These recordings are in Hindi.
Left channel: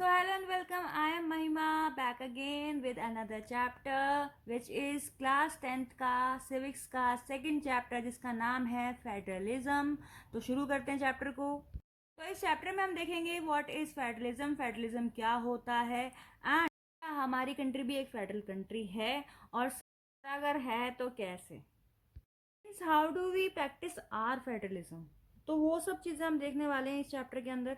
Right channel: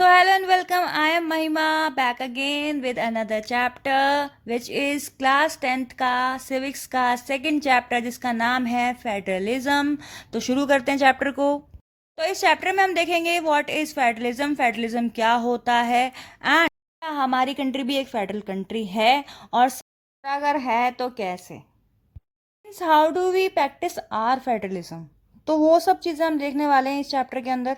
So, hello and welcome. I am Mahima back again with another chapter, which is class 10th का civics का second chapter जिसका नाम है फेडरलिज्म। तो शुरू करते हैं चैप्टर को। तो इस चैप्टर में हम देखेंगे व्हाट इज फेडरलिज्म, फेडरलिज्म क्या होता है, एंड हमारी कंट्री भी एक फेडरल कंट्री है, और अगर है तो कैसे, how do we practice our federalism. तो वो सब चीज़ें हम देखने वाले हैं इस चैप्टर के अंदर।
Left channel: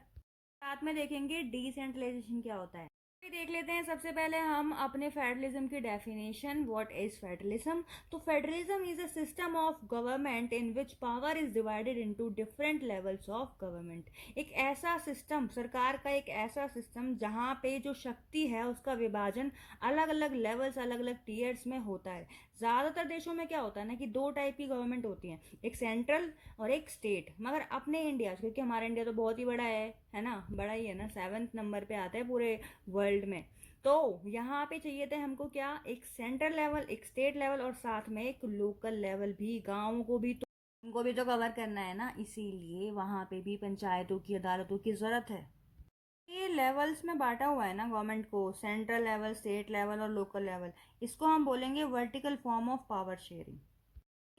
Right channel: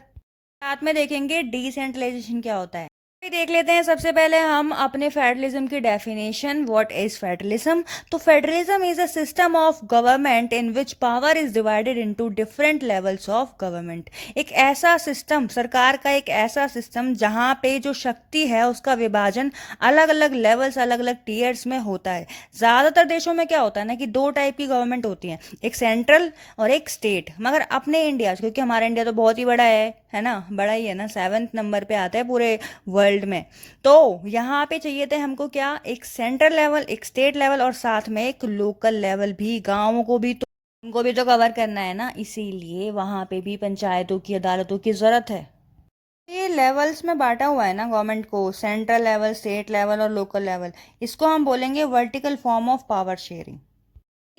साथ में देखेंगे डिसेंट्रलाइजेशन क्या होता है। अभी देख लेते हैं सबसे पहले हम अपने फेडरलिज्म की डेफिनेशन, व्हाट इज फेडरलिज्म। तो federalism is a system of government in which power is divided into different levels of government. एक ऐसा सिस्टम, सरकार का एक ऐसा सिस्टम जहाँ पे जो शक्ति है उसका विभाजन अलग अलग लेवल्स, अलग अलग टीयर्स में होता है। ज़्यादातर देशों में क्या होता है ना कि दो टाइप की गवर्नमेंट होती है, एक सेंट्रल और एक स्टेट। मगर अपने इंडिया, क्योंकि हमारा इंडिया तो बहुत ही बड़ा है ना, बड़ा ही है ना, 7th नंबर पे आता है पूरे वर्ल्ड में। तो यहाँ पे चाहिए थे हमको क्या, एक सेंट्रल लेवल, एक स्टेट लेवल, और साथ में एक लोकल लेवल भी, गाँवों को भी तो उनको भी तो कवर करना है ना, इसीलिए वहाँ पे भी पंचायतों की, अदालतों की ज़रूरत है। ये लेवल्स में बांटा हुआ है ना गवर्नमेंट को, सेंट्रल लेवल, स्टेट लेवल और लोकल लेवल। इसको हम बोलेंगे vertical form of power sharing.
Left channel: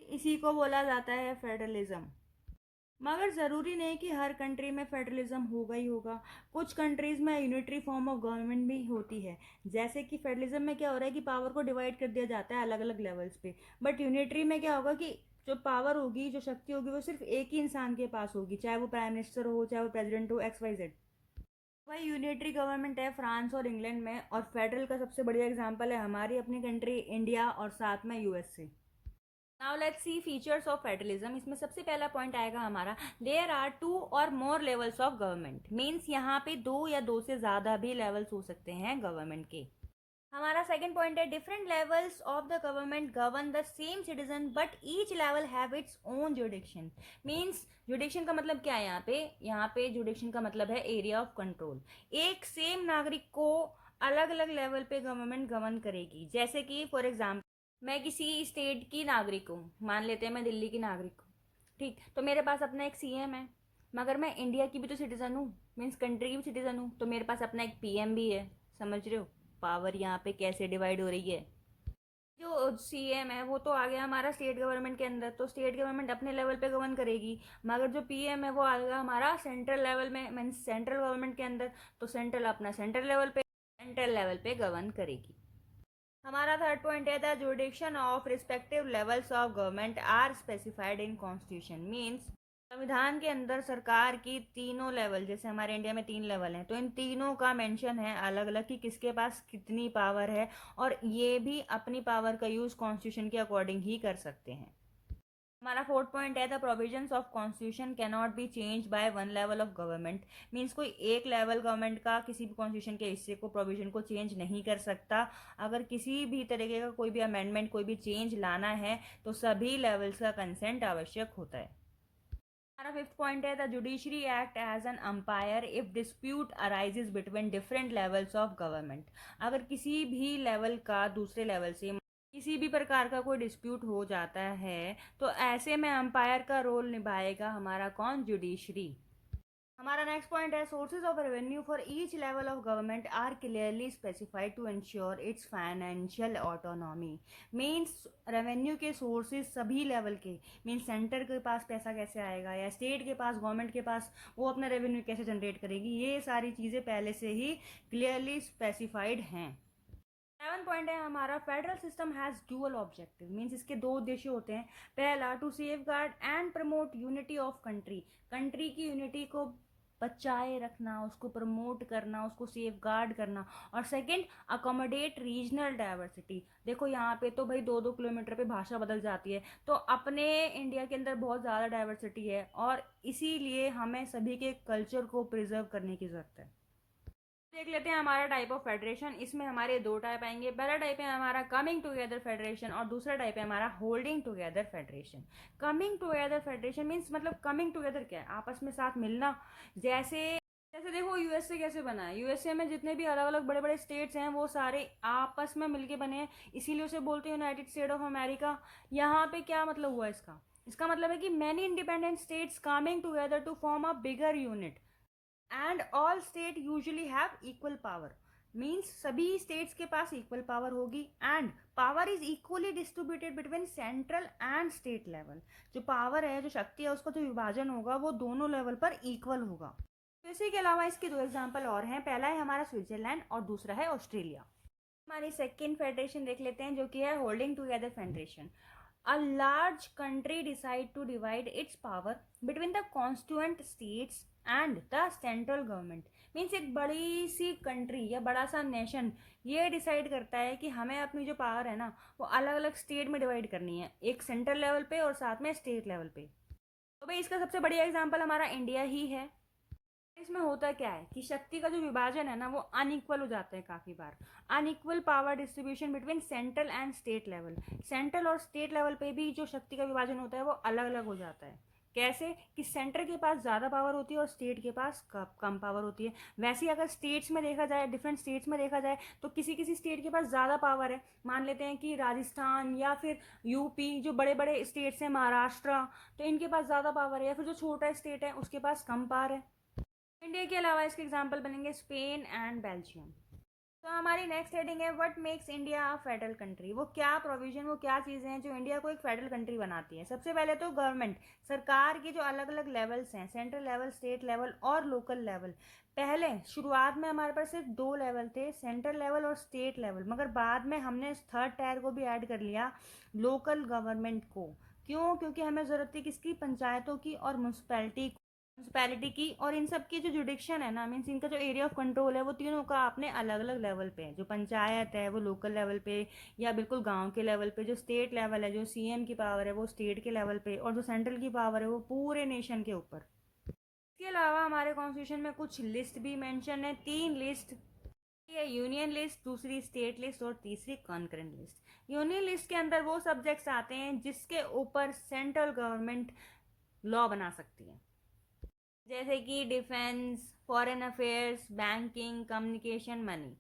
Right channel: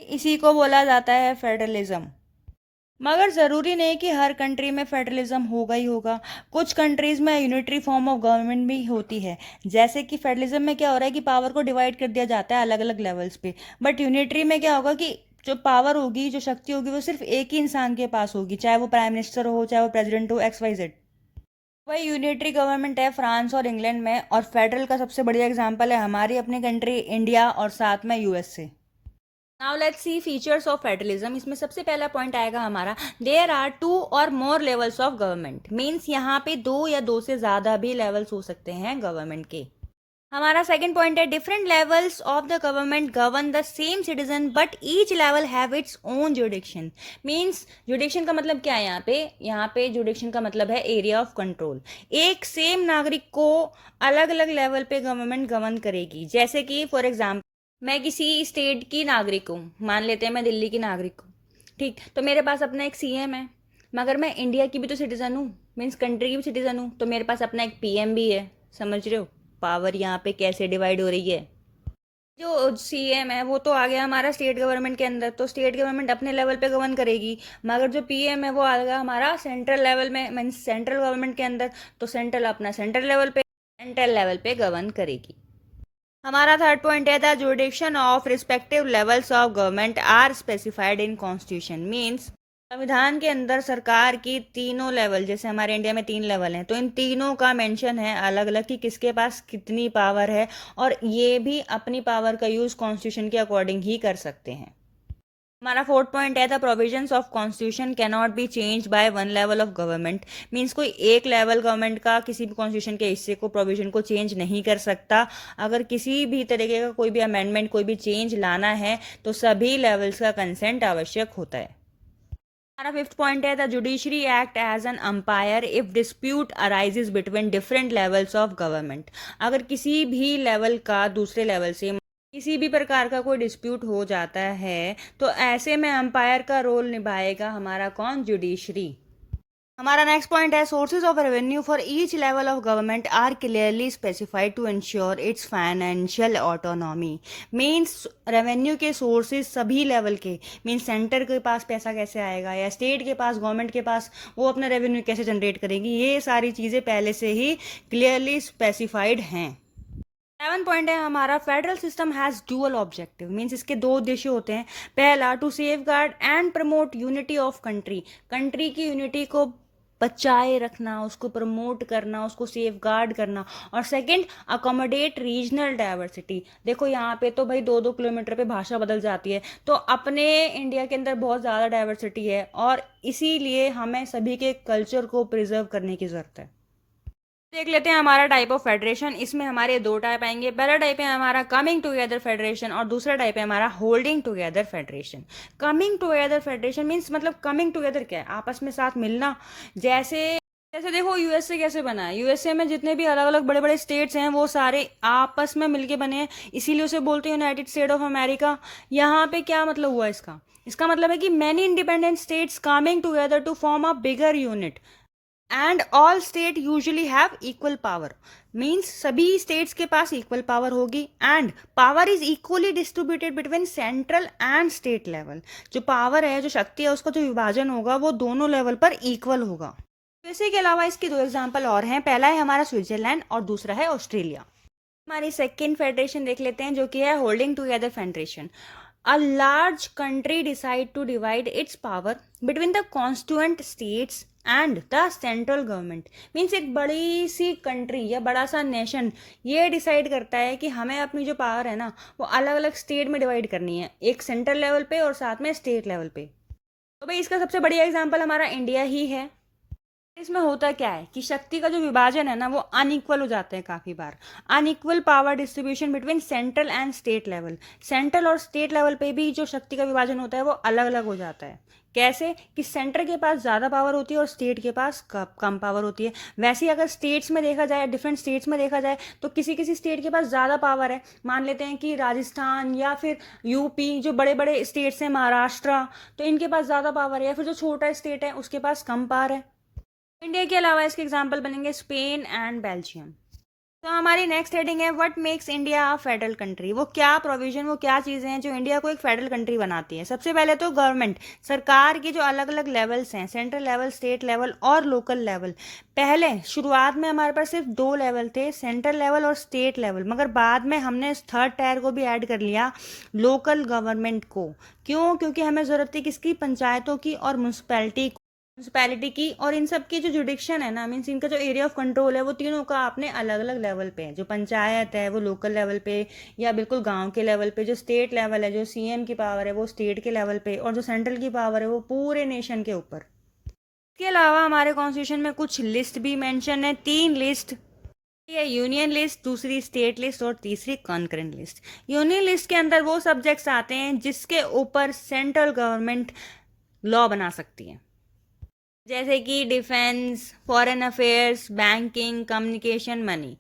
इसी को बोला जाता है फेडरलिज्म। मगर ज़रूरी नहीं कि हर कंट्री में फेडरलिज्म होगा ही होगा। कुछ कंट्रीज़ में यूनिटरी फॉर्म ऑफ गवर्नमेंट भी होती है। जैसे कि फेडरलिज्म में क्या हो रहा है कि पावर को डिवाइड कर दिया जाता है अलग अलग लेवल्स पे। बट यूनिटरी में क्या होगा कि जो पावर होगी, जो शक्ति होगी, वो सिर्फ एक ही इंसान के पास होगी, चाहे वो प्राइम मिनिस्टर हो, चाहे वो प्रेसिडेंट हो, XYZ। वही यूनिटरी गवर्नमेंट है फ्रांस और इंग्लैंड में, और फेडरल का सबसे बढ़िया एग्जाम्पल है हमारी अपनी कंट्री इंडिया, और साथ में USA। Now let's see features of federalism. इसमें सबसे पहला पॉइंट आएगा हमारा, देयर आर 2 और मोर लेवल्स ऑफ गवर्नमेंट। मीन्स यहाँ पे दो या दो से ज़्यादा भी लेवल्स हो सकते हैं गवर्नमेंट के। हमारा सेकंड पॉइंट है, different levels of the government govern the same citizen but each level have its own जुडिक्शन। Means जुडिक्शन का मतलब क्या है यहाँ पे जुडिक्शन का मतलब है एरिया ऑफ कंट्रोल। एक सेम नागरिक को अलग अलग लेवल पे गवर्नमेंट गवर्न करेगी। जैसे कि फॉर एग्जाम्पल, मैं किसी स्टेट की नागरिक हूँ, मान लेते हैं मैं दिल्ली की नागरिक हूँ, ठीक, तो मेरे पास अपना एक CM है। मगर मैं इंडिया की भी तो सिटीज़न हूँ, मीन्स कंट्री की भी सिटीज़न हूँ, तो मेरे पास अपना एक PM भी है। समझ रहे हो पावर यहाँ पे कैसे डिवाइड हो रही है। जो CM है वो तो आ गया हमारा स्टेट गवर्नमेंट के अंदर, तो स्टेट गवर्नमेंट अपने लेवल पे गवर्न करेगी। मगर जो PM है वो आ गया हमारा सेंट्रल लेवल में, मीन्स सेंट्रल गवर्नमेंट के अंदर, तो सेंट्रल अपना सेंट्रल लेवल पे, सेंट्रल लेवल पे गवर्न करेगी। हमारा थर्ड पॉइंट है, the jurisdiction of respective levels of government are specified in constitution. Means संविधान के अंदर सरकार की तीनों लेवल, जैसे हमारे इंडिया में 3 लेवल हैं, तो इन तीनों का मेंशन है अलग अलग कि किसके पास कितनी पावर है, और ये भी अपनी पावर का यूज़ कॉन्स्टिट्यूशन के अकॉर्डिंग ही कर सकते हैं। हमारा फोर्थ पॉइंट है, the provisions of constitution can not be change by one level of government. Means कोई एक लेवल गवर्नमेंट का किसी भी कॉन्स्टिट्यूशन के हिस्से को, प्रोविजन को चेंज नहीं कर सकता। अगर किसी भी तरीके का कोई भी अमेंडमेंट, कोई भी चेंज लाना है तो सभी लेवल्स का कंसेंट आवश्यक होता है। हमारा फिफ्थ पॉइंट है, the judiciary act as an umpire if dispute arises between different levels of government. अगर किसी भी लेवल का दूसरे लेवल से किसी भी प्रकार का कोई डिस्प्यूट हो जाता है, तो ऐसे में अंपायर का रोल निभाएगा हमारा कौन, जुडिशरी। हमारा नेक्स्ट पॉइंट है, sources of revenue for each level of government are clearly specified to ensure its financial autonomy. Means revenue के सोर्सेज सभी लेवल के, मीन्स सेंटर के पास पैसा कैसे आएगा, या स्टेट के पास, गवर्नमेंट के पास वो अपना रेवेन्यू कैसे जनरेट करेगी, ये सारी चीज़ें पहले से ही क्लियरली स्पेसिफाइड हैं। 7 पॉइंट है हमारा, federal system has dual objective. Means इसके दो उद्देश्य होते हैं। पहला, to safeguard and promote unity of country. Country की यूनिटी को बचाए रखना, उसको प्रमोट करना, उसको सेफ गार्ड करना। और सेकंड, अकोमोडेट रीजनल डाइवर्सिटी। देखो यहाँ पे तो भाई 2-2 किलोमीटर पे भाषा बदल जाती है, तो अपने इंडिया के अंदर बहुत ज़्यादा डाइवर्सिटी है, और इसीलिए हमें सभी के कल्चर को प्रिजर्व करने की ज़रूरत है। देख लेते हैं हमारा टाइप ऑफ फेडरेशन। इसमें हमारे दो टाइप आएंगे। पहला टाइप है हमारा कमिंग टुगेदर फेडरेशन, और दूसरा टाइप है हमारा holding together federation. Coming together federation means, मतलब कमिंग टुगेदर क्या है, आपस में साथ मिलना। जैसे जैसे देखो USA कैसे बना है, USA में जितने भी अलग अलग बड़े बड़े स्टेट्स हैं वो सारे आपस में मिलके बने हैं, इसीलिए उसे बोलते हैं यूनाइटेड स्टेट ऑफ अमेरिका। यहाँ पे क्या मतलब हुआ इसका, इसका मतलब है कि many independent states coming together to form a bigger unit. And all state usually have equal power, means सभी स्टेट्स के पास इक्वल पावर होगी and power is equally distributed between central and state level. जो पावर है, जो शक्ति है, उसका जो विभाजन होगा वो दोनों लेवल पर इक्वल होगा। इसी के अलावा इसकी दो एग्जाम्पल और हैं। पहला है हमारा स्विट्जरलैंड और दूसरा है ऑस्ट्रेलिया। हमारी सेकेंड फेडरेशन देख लेते हैं, जो कि है holding together federation. A large country decide to divide its power between the constituent states and the central government। Means एक बड़ी सी कंट्री या बड़ा सा नेशन ये डिसाइड करता है कि हमें अपनी जो पावर है ना वो अलग अलग स्टेट में डिवाइड करनी है, एक सेंट्रल लेवल पे और साथ में स्टेट लेवल पे। तो भाई इसका सबसे बढ़िया एग्जांपल हमारा इंडिया ही है। इसमें होता क्या है कि शक्ति का जो विभाजन है ना वो अनइक्वल हो जाता है काफ़ी बार। Unequal power distribution between central and state level. Central और स्टेट लेवल पे भी जो शक्ति का विभाजन होता है वो अलग अलग हो जाता है। कैसे कि सेंटर के पास ज़्यादा पावर होती है और स्टेट के पास कम पावर होती है। वैसे ही अगर स्टेट्स में देखा जाए, डिफरेंट स्टेट्स में देखा जाए, तो किसी किसी स्टेट के पास ज़्यादा पावर है। मान लेते हैं कि राजस्थान या फिर यूपी, जो बड़े बड़े स्टेट्स हैं, महाराष्ट्र, तो इनके पास ज़्यादा पावर है। या फिर जो छोटा स्टेट है उसके पास कम पावर है। इंडिया के अलावा इसके एग्जाम्पल बनेंगे स्पेन एंड बेल्जियम। तो हमारी नेक्स्ट हेडिंग है what makes India a federal country. वो क्या प्रोविजन, वो क्या चीज़ें हैं जो इंडिया को एक फेडरल कंट्री बनाती है। सबसे पहले तो गवर्नमेंट, सरकार के जो अलग अलग लेवल्स हैं, सेंट्रल लेवल, स्टेट लेवल और लोकल लेवल। पहले शुरुआत में हमारे पास सिर्फ दो लेवल थे, सेंट्रल लेवल और स्टेट लेवल, मगर बाद में हमने इस थर्ड टायर को भी ऐड कर लिया, लोकल गवर्नमेंट को। क्यों? क्योंकि हमें ज़रूरत थी किसकी? पंचायतों की और म्यूनसिपैलिटी की। और इन सब की जो जुडिक्शन है ना, मीन्स इनका जो एरिया ऑफ कंट्रोल है वो तीनों का अपने अलग अलग लेवल पे है। जो पंचायत है वो लोकल लेवल पे या बिल्कुल गांव के लेवल पे, जो स्टेट लेवल है, जो सीएम की पावर है वो स्टेट के लेवल पे, और जो सेंट्रल की पावर है वो पूरे नेशन के ऊपर। इसके अलावा हमारे कॉन्स्टिट्यूशन में कुछ लिस्ट भी मेंशन है, तीन लिस्ट। ये यूनियन लिस्ट, दूसरी स्टेट लिस्ट और तीसरी कॉन्करेंट लिस्ट। यूनियन लिस्ट के अंदर वो सब्जेक्ट्स आते हैं जिसके ऊपर सेंट्रल गवर्नमेंट लॉ बना सकती है, जैसे कि defence, foreign affairs, banking, communication, money.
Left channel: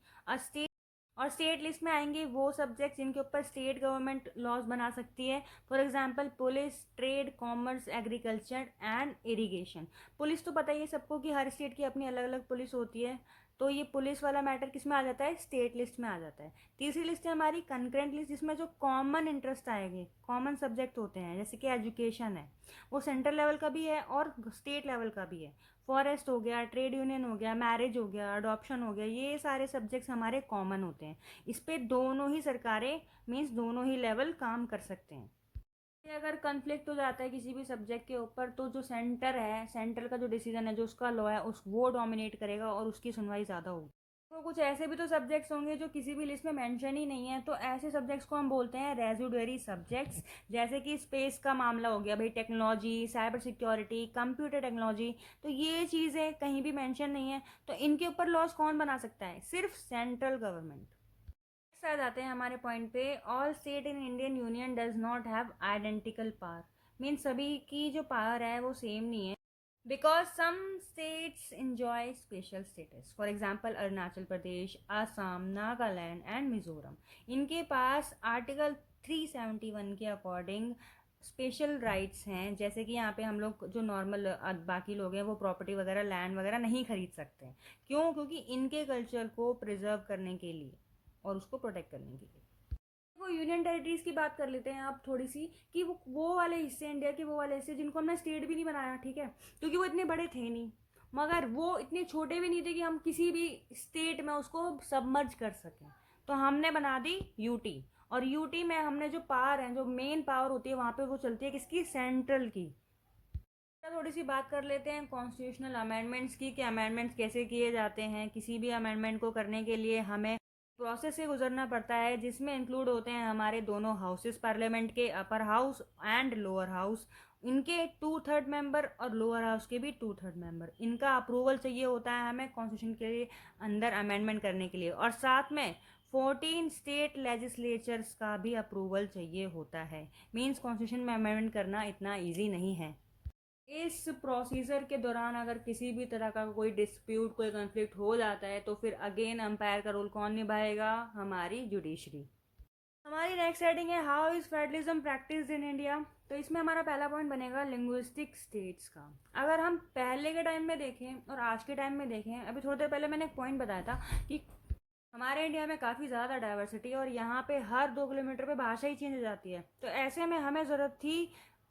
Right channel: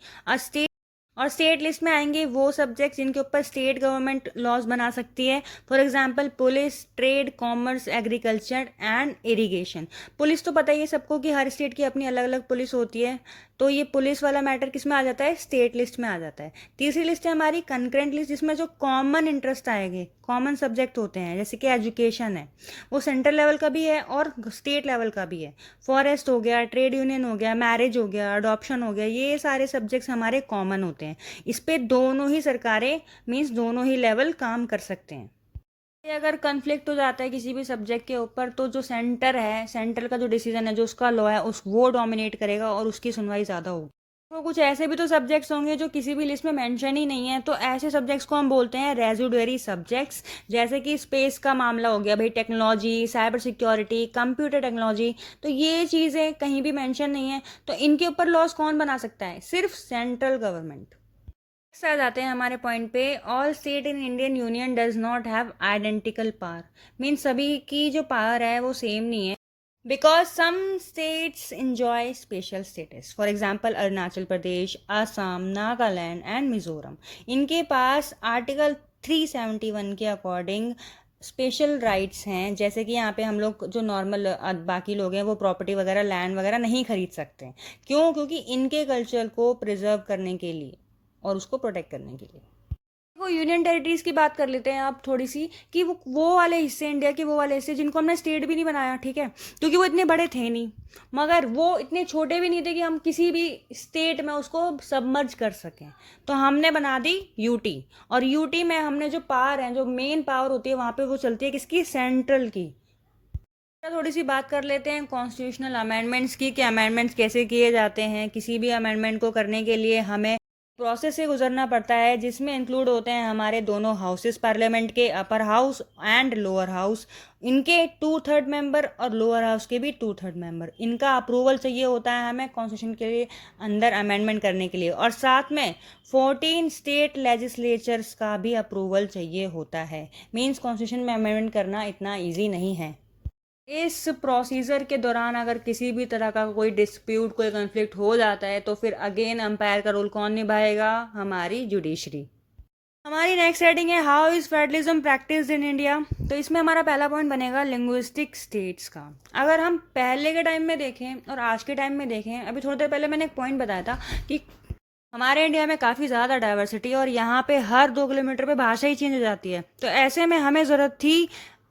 और स्टेट लिस्ट में आएंगे वो सब्जेक्ट्स जिनके ऊपर स्टेट गवर्नमेंट लॉज बना सकती है। For example police, trade, commerce, agriculture and irrigation. Police तो पता ही है सबको कि हर स्टेट की अपनी अलग अलग पुलिस होती है, तो ये पुलिस वाला मैटर किस में आ जाता है? स्टेट लिस्ट में आ जाता है। तीसरी लिस्ट है हमारी कंकरेंट लिस्ट, जिसमें जो कॉमन इंटरेस्ट आएंगे, कॉमन सब्जेक्ट होते हैं, जैसे कि एजुकेशन है, वो सेंट्रल लेवल का भी है और स्टेट लेवल का भी है। फॉरेस्ट हो गया, ट्रेड यूनियन हो गया, मैरिज हो गया, अडॉप्शन हो गया, ये सारे सब्जेक्ट्स हमारे कॉमन होते हैं। इस पे दोनों ही सरकारें, मीन्स दोनों ही लेवल काम कर सकते हैं। अगर कन्फ्लिक्ट हो जाता है किसी भी सब्जेक्ट के ऊपर, तो जो सेंटर है, सेंटर का जो डिसीजन है, जो उसका लॉ है, उस वो डोमिनेट करेगा और उसकी सुनवाई ज़्यादा होगी। तो कुछ ऐसे भी तो सब्जेक्ट्स होंगे जो किसी भी लिस्ट में मेंशन ही नहीं है, तो ऐसे सब्जेक्ट्स को हम बोलते हैं रेजिडुअरी सब्जेक्ट्स। जैसे कि स्पेस का मामला हो गया भाई, technology, cyber security, computer technology, तो ये चीज़ें कहीं भी मेंशन नहीं है, तो इनके ऊपर लॉज कौन बना सकता है? सिर्फ सेंट्रल गवर्नमेंट। आ जाते हैं हमारे पॉइंट पे, all state in Indian union does not have identical power. Mean सभी की जो पावर है वो सेम नहीं है, because some states enjoy special status. For example Arunachal Pradesh, Assam, Nagaland and Mizoram, इनके पास आर्टिकल 371 के अकॉर्डिंग स्पेशल राइट्स हैं। जैसे कि यहाँ पे हम लोग जो नॉर्मल बाकी लोग हैं वो प्रॉपर्टी वगैरह, लैंड वगैरह नहीं खरीद सकते हैं। क्यों? क्योंकि इनके कल्चर को प्रिजर्व करने के लिए और उसको प्रोटेक्ट करने के लिए। वो यूनियन टेरिटरीज की बात कर लेते हैं आप थोड़ी सी, कि वो वाले हिस्से, इंडिया के वो वाले हिस्से जिनको हमने स्टेट भी नहीं बनाया, ठीक है, क्योंकि वो इतने बड़े थे नहीं, मगर वो इतने छोटे भी नहीं थे कि हम किसी भी स्टेट में उसको सबमर्ज कर सकें, तो हमने बना दी यूटी। और यूटी में हमने जो पावर है, जो मेन पावर होती है वहाँ पे, वो चलती है किसकी? सेंट्रल की। थोड़ी सी बात कर लेते हैं कॉन्स्टिट्यूशनल अमेंडमेंट्स की, कि अमेंडमेंट्स कैसे किए जाते हैं। किसी भी अमेंडमेंट को करने के लिए हमें प्रोसेस से गुजरना पड़ता है, जिसमें इंक्लूड होते हैं हमारे दोनों हाउसेस पार्लियामेंट के, upper house and lower house, इनके 2/3 मेंबर और लोअर हाउस के भी 2/3 मेंबर। इनका अप्रूवल चाहिए होता है हमें कॉन्स्टिट्यूशन के लिए अंदर अमेंडमेंट करने के लिए, और साथ में 14 स्टेट लेजिस्लेचर्स का भी अप्रूवल चाहिए होता है। मीन्स कॉन्स्टिट्यूशन में अमेंडमेंट करना इतना ईजी नहीं है। इस प्रोसीजर के दौरान अगर किसी भी तरह का कोई डिस्प्यूट, कोई कन्फ्लिक्ट हो जाता है, तो फिर अगेन अंपायर का रोल कौन निभाएगा? हमारी जुडिशरी। हमारी नेक्स्ट हेडिंग है how is federalism practised in India. तो इसमें हमारा पहला पॉइंट बनेगा लिंग्विस्टिक स्टेट्स का। अगर हम पहले के टाइम में देखें और आज के टाइम में देखें, अभी थोड़ी देर पहले मैंने एक पॉइंट बताया था कि हमारे इंडिया में काफ़ी ज़्यादा डाइवर्सिटी है और यहाँ पे हर 2 किलोमीटर पे भाषा ही चेंज हो जाती है। तो ऐसे में हमें ज़रूरत थी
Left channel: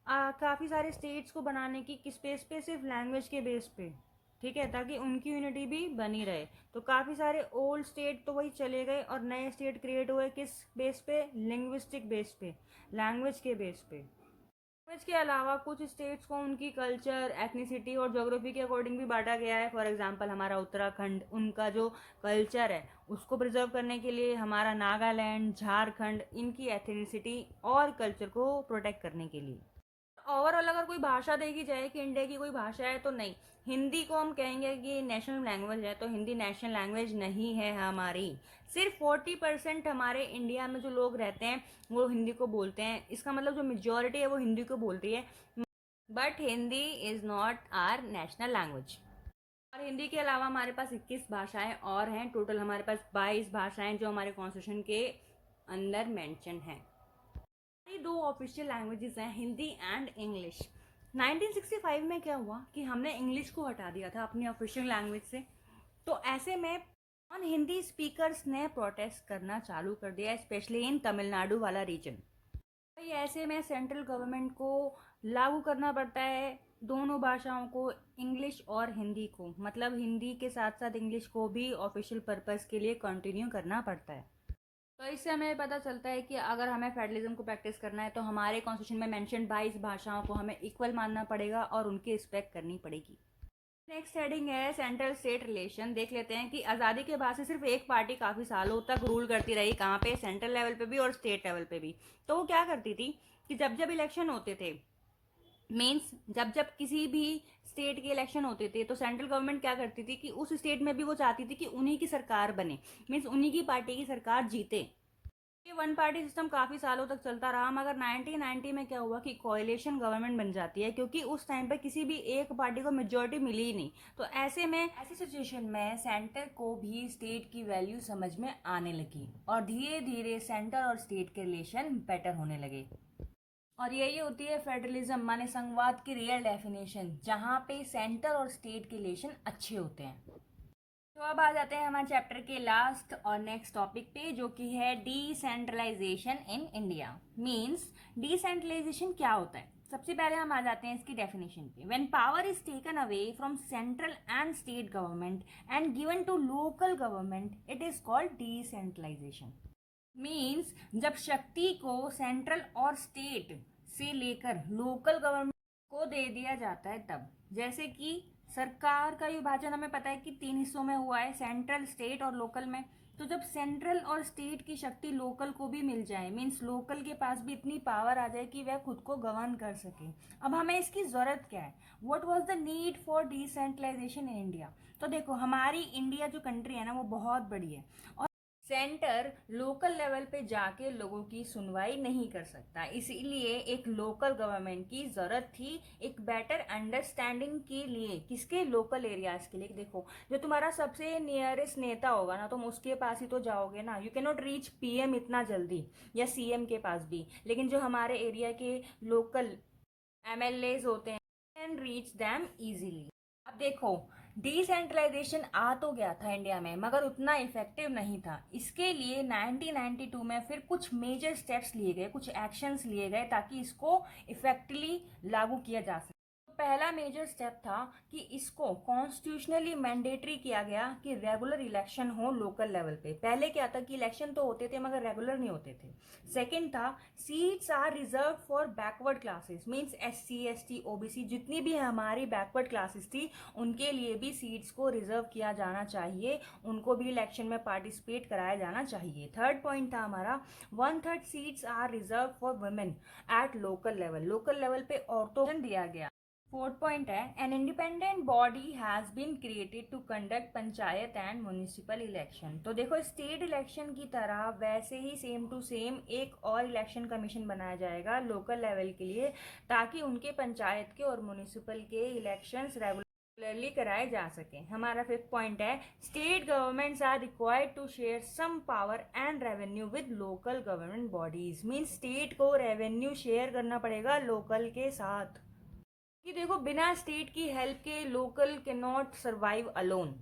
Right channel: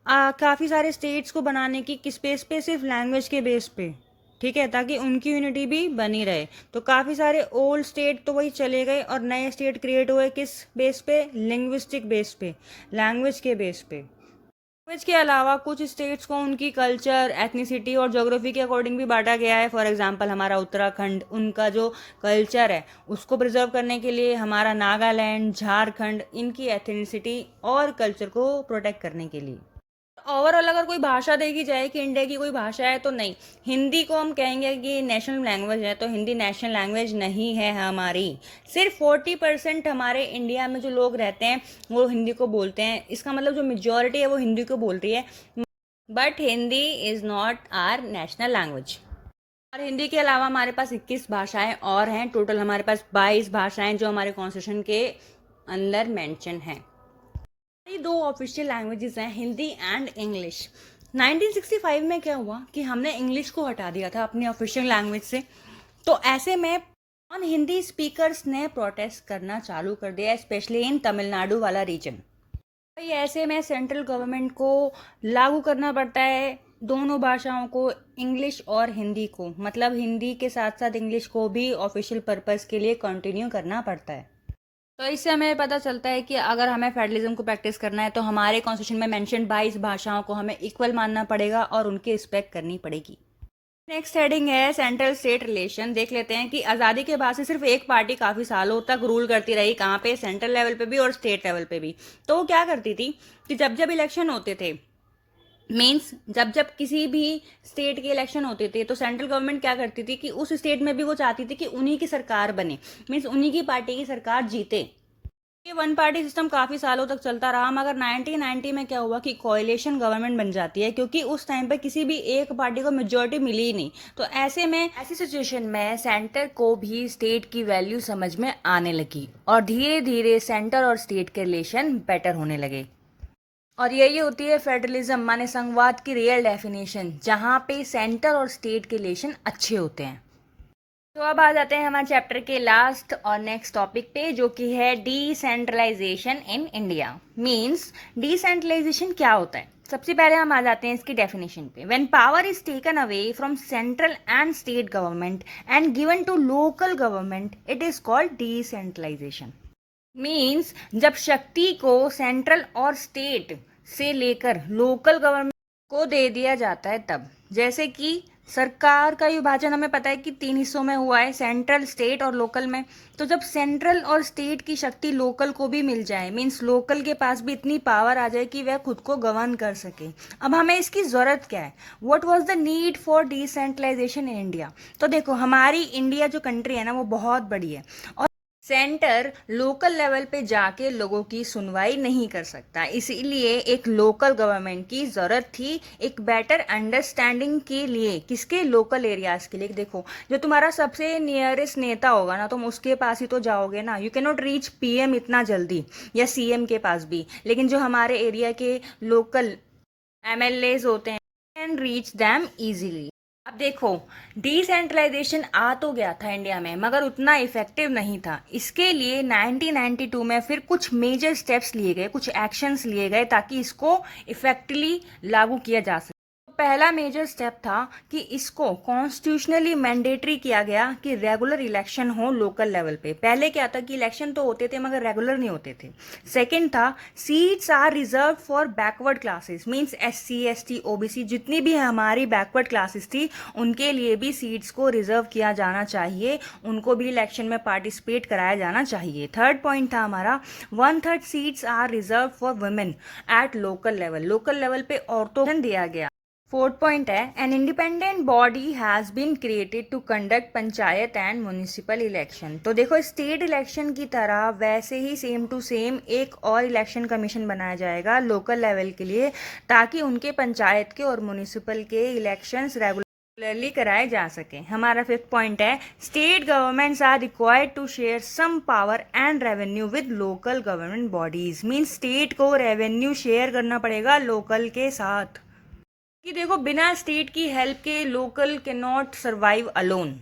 काफ़ी सारे स्टेट्स को बनाने की किस बेस पे, सिर्फ लैंग्वेज के बेस पे, ठीक है, ताकि उनकी यूनिटी भी बनी रहे। तो काफ़ी सारे ओल्ड स्टेट तो वही चले गए और नए स्टेट क्रिएट हुए किस बेस पे, लिंग्विस्टिक बेस पे, लैंग्वेज के बेस पे। लैंग्वेज के अलावा कुछ स्टेट्स को उनकी कल्चर, एथनिसिटी और ज्योग्राफी के अकॉर्डिंग भी बांटा गया है। फॉर एग्जांपल हमारा उत्तराखंड, उनका जो कल्चर है उसको प्रिजर्व करने के लिए, हमारा नागालैंड, झारखंड, इनकी एथनिसिटी और कल्चर को प्रोटेक्ट करने के लिए। ओवरऑल अगर कोई भाषा देखी जाए कि इंडिया की कोई भाषा है, तो नहीं, हिंदी को हम कहेंगे कि नेशनल लैंग्वेज है, तो हिंदी नेशनल लैंग्वेज नहीं है हमारी। सिर्फ 40% हमारे इंडिया में जो लोग रहते हैं वो हिंदी को बोलते हैं। इसका मतलब जो मेजोरिटी है वो हिंदी को बोल रही है, but Hindi is not our national language. और हिंदी के अलावा हमारे पास 21 भाषाएं और हैं। टोटल हमारे पास 22 भाषाएं जो हमारे कॉन्स्टिट्यूशन के अंदर मेंशन हैं। दो ऑफिशियल लैंग्वेजेस हैं, हिंदी एंड इंग्लिश। 1965 में क्या हुआ कि हमने इंग्लिश को हटा दिया था अपनी ऑफिशियल लैंग्वेज से। तो ऐसे में नॉन हिंदी स्पीकर्स ने प्रोटेस्ट करना चालू कर दिया, स्पेशली इन तमिलनाडु वाला रीजन। भाई ऐसे में सेंट्रल गवर्नमेंट को लागू करना पड़ता है दोनों भाषाओं को, इंग्लिश और हिंदी को, मतलब हिंदी के साथ साथ इंग्लिश को भी ऑफिशियल पर्पस के लिए कंटिन्यू करना पड़ता है। तो इससे हमें पता चलता है कि अगर हमें फेडरलिज्म को प्रैक्टिस करना है तो हमारे कॉन्स्टिट्यूशन में मेंशन 22 भाषाओं को हमें इक्वल मानना पड़ेगा और उनकी रिस्पेक्ट करनी पड़ेगी। नेक्स्ट हेडिंग है सेंट्रल स्टेट रिलेशन। देख लेते हैं कि आज़ादी के बाद से सिर्फ एक पार्टी काफ़ी सालों तक रूल करती रही, कहाँ पे, सेंट्रल लेवल पे भी और स्टेट लेवल पे भी। तो वो क्या करती थी कि जब जब इलेक्शन होते थे, मीन्स जब जब किसी भी स्टेट के इलेक्शन होते थे, तो सेंट्रल गवर्नमेंट क्या करती थी कि उस स्टेट में भी वो चाहती थी कि उन्हीं की सरकार बने, मीन्स उन्हीं की पार्टी की सरकार जीते। ये वन पार्टी सिस्टम काफ़ी सालों तक चलता रहा, मगर 1990 में क्या हुआ कि कोalition गवर्नमेंट बन जाती है, क्योंकि उस टाइम पे किसी भी एक पार्टी को मेजोरिटी मिली ही नहीं। तो ऐसे में, ऐसी सिचुएशन में सेंटर को भी स्टेट की वैल्यू समझ में आने लगी और धीरे धीरे सेंटर और स्टेट के रिलेशन बेटर होने लगे। और यही होती है फेडरलिज्म माने संघवाद की रियल डेफिनेशन, जहाँ पे सेंटर और स्टेट के रिलेशन अच्छे होते हैं। तो अब आ जाते हैं हमारे चैप्टर के लास्ट और नेक्स्ट टॉपिक पे, जो कि है decentralisation in India. Means decentralisation क्या होता है। सबसे पहले हम आ जाते हैं इसकी डेफिनेशन पे। When power is taken away from central and state government and given to local government, it is called decentralisation. Means जब शक्ति को सेंट्रल और स्टेट से लेकर लोकल गवर्नमेंट को दे दिया जाता है तब, जैसे कि सरकार का विभाजन हमें पता है कि 3 हिस्सों में हुआ है, सेंट्रल, स्टेट और लोकल में। तो जब सेंट्रल और स्टेट की शक्ति लोकल को भी मिल जाए, मीन्स लोकल के पास भी इतनी पावर आ जाए कि वह खुद को गवर्न कर सके। अब हमें इसकी ज़रूरत क्या है, what was the need for decentralisation in India. तो देखो, हमारी इंडिया जो कंट्री है ना, वो बहुत बड़ी है और सेंटर लोकल लेवल पे जाके लोगों की सुनवाई नहीं कर सकता, इसीलिए एक लोकल गवर्नमेंट की ज़रूरत थी, एक बेटर अंडरस्टैंडिंग के लिए। किसके, लोकल एरियाज़ के लिए। देखो, जो तुम्हारा सबसे नियरेस्ट नेता होगा ना, तुम उसके पास ही तो जाओगे ना। You can not reach PM इतना जल्दी, या सीएम के पास भी, लेकिन जो हमारे एरिया के लोकल एमएलएज होते हैं, कैन रीच दैम इजीली। अब देखो, डिसेंट्रलाइजेशन आ तो गया था इंडिया में, मगर उतना इफेक्टिव नहीं था। इसके लिए 1992 में फिर कुछ मेजर स्टेप्स लिए गए, कुछ एक्शंस लिए गए ताकि इसको इफेक्टिवली लागू किया जा सके। पहला मेजर स्टेप था कि इसको कॉन्स्टिट्यूशनली मैंडेटरी किया गया कि रेगुलर इलेक्शन हो लोकल लेवल पे। पहले क्या था कि इलेक्शन तो होते थे मगर रेगुलर नहीं होते थे। सेकंड था, seats are reserve for backward classes, means SC, ST, OBC, जितनी भी हमारी बैकवर्ड क्लासेस थी उनके लिए भी सीट्स को रिजर्व किया जाना चाहिए, उनको भी इलेक्शन में पार्टिसिपेट कराया जाना चाहिए। थर्ड पॉइंट था हमारा, 1/3 seats are reserve for women at local level, local level पे औरतों को दिया गया। फोर्थ पॉइंट है, an independent body has been created to conduct panchayat and municipal election. तो देखो, स्टेट इलेक्शन की तरह वैसे ही सेम टू सेम एक और इलेक्शन कमीशन बनाया जाएगा लोकल लेवल के लिए, ताकि उनके पंचायत के और म्यूनिसिपल के इलेक्शंस रेगुलर क्लियरली कराए जा सके। हमारा फिफ्थ पॉइंट है state governments are required to share some power and revenue with local government bodies. Means state को रेवेन्यू शेयर करना पड़ेगा लोकल के साथ, कि देखो बिना स्टेट की हेल्प के local can not survive alone.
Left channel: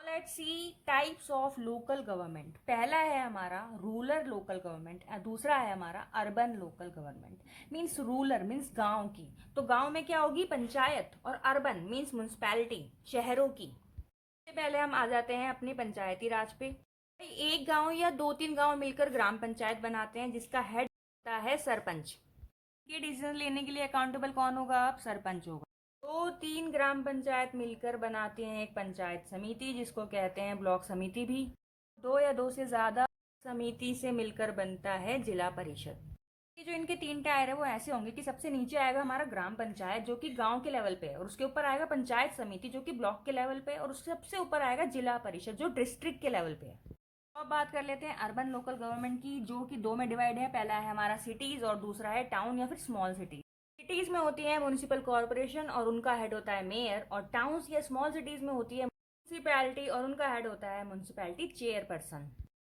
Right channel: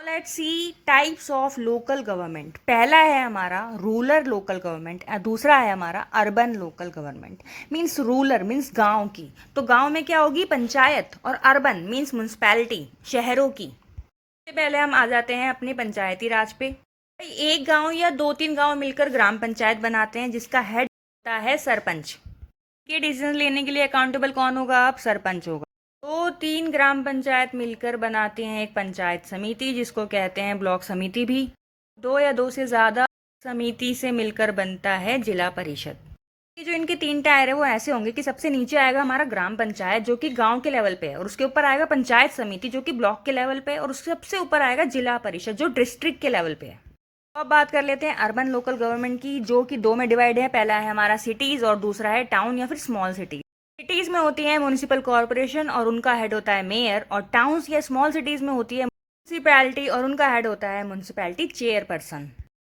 Let's see types of local government. पहला है हमारा रूरल लोकल गवर्नमेंट, दूसरा है हमारा urban local government. Means rural means गांव की, तो गांव में क्या होगी, पंचायत, और अर्बन मीन्स म्यूनसिपैलिटी, शहरों की। सबसे पहले हम आ जाते हैं अपने पंचायती राज पे। भाई एक गांव या 2-3 गांव मिलकर ग्राम पंचायत बनाते हैं, जिसका हेड होता है सरपंच। ये डिसीजन लेने के लिए अकाउंटेबल कौन होगा, अब सरपंच होगा। 2-3 ग्राम पंचायत मिलकर बनाते हैं एक पंचायत समिति, जिसको कहते हैं ब्लॉक समिति भी। 2 या 2 से ज़्यादा समिति से मिलकर बनता है जिला परिषद। ये जो इनके 3 टायर है वो ऐसे होंगे कि सबसे नीचे आएगा हमारा ग्राम पंचायत जो कि गांव के लेवल पे है, और उसके ऊपर आएगा पंचायत समिति जो कि ब्लॉक के लेवल पे है, और उसके सबसे ऊपर आएगा जिला परिषद जो डिस्ट्रिक्ट के लेवल पे है। अब बात कर लेते हैं अर्बन लोकल गवर्नमेंट की, जो कि 2 में डिवाइड है। पहला है हमारा सिटीज़ और दूसरा है टाउन या फिर स्मॉल सिटी। सिटीज़ में होती है म्यूनिसिपल कॉरपोरेशन और उनका हेड होता है मेयर, और टाउन्स या स्मॉल सिटीज़ में होती है म्यूनिसिपैलिटी और उनका हेड होता है म्यूनिसिपैलिटी चेयरपर्सन।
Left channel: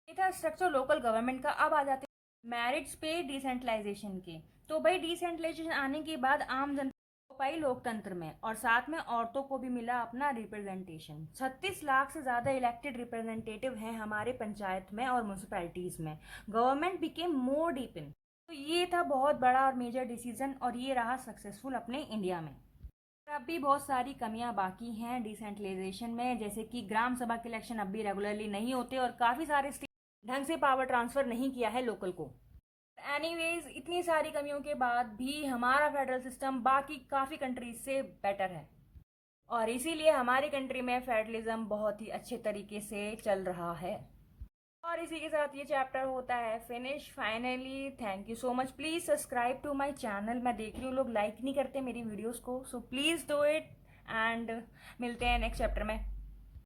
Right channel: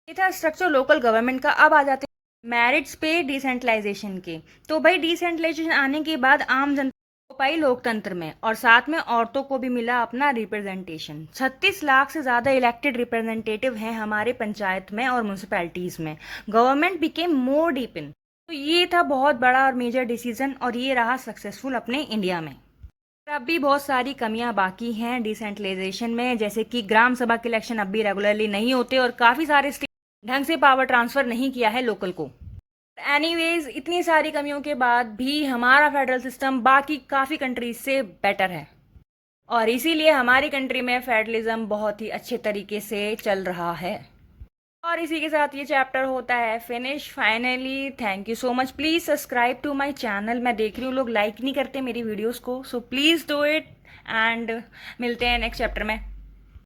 ये था स्ट्रक्चर लोकल गवर्नमेंट का। अब आ जाते हैं मेरिट्स पे डिसेंट्रलाइजेशन के। तो भाई डिसेंट्रलाइजेशन आने के बाद आम जनता को पाई लोकतंत्र में, और साथ में औरतों को भी मिला अपना रिप्रेजेंटेशन। 36 लाख से ज़्यादा इलेक्टेड रिप्रेजेंटेटिव हैं हमारे पंचायत में और म्यूनसिपैलिटीज़ में। Government became more deep in. तो ये था बहुत बड़ा और मेजर डिसीजन, और ये रहा सक्सेसफुल अपने इंडिया में। अब भी बहुत सारी कमियां बाकी हैं डिसेंट्रलाइजेशन में, जैसे कि ग्राम सभा के इलेक्शन अब भी रेगुलरली नहीं होते, और काफ़ी सारे स्टेट ढंग से पावर ट्रांसफ़र नहीं किया है लोकल को। एनीवेज इतनी सारी कमियों के बाद भी हमारा फेडरल सिस्टम बाकी काफ़ी कंट्रीज से बेटर है, और इसीलिए हमारी कंट्री में फेडरलिज्म बहुत ही अच्छे तरीके से चल रहा है। और इसी के साथ ये चैप्टर होता है finish finally. Thank you so much. Please subscribe to my channel. मैं देख रही हूँ लोग लाइक नहीं करते मेरी वीडियोस को, so please do it, and मिलते हैं नेक्स्ट चैप्टर में।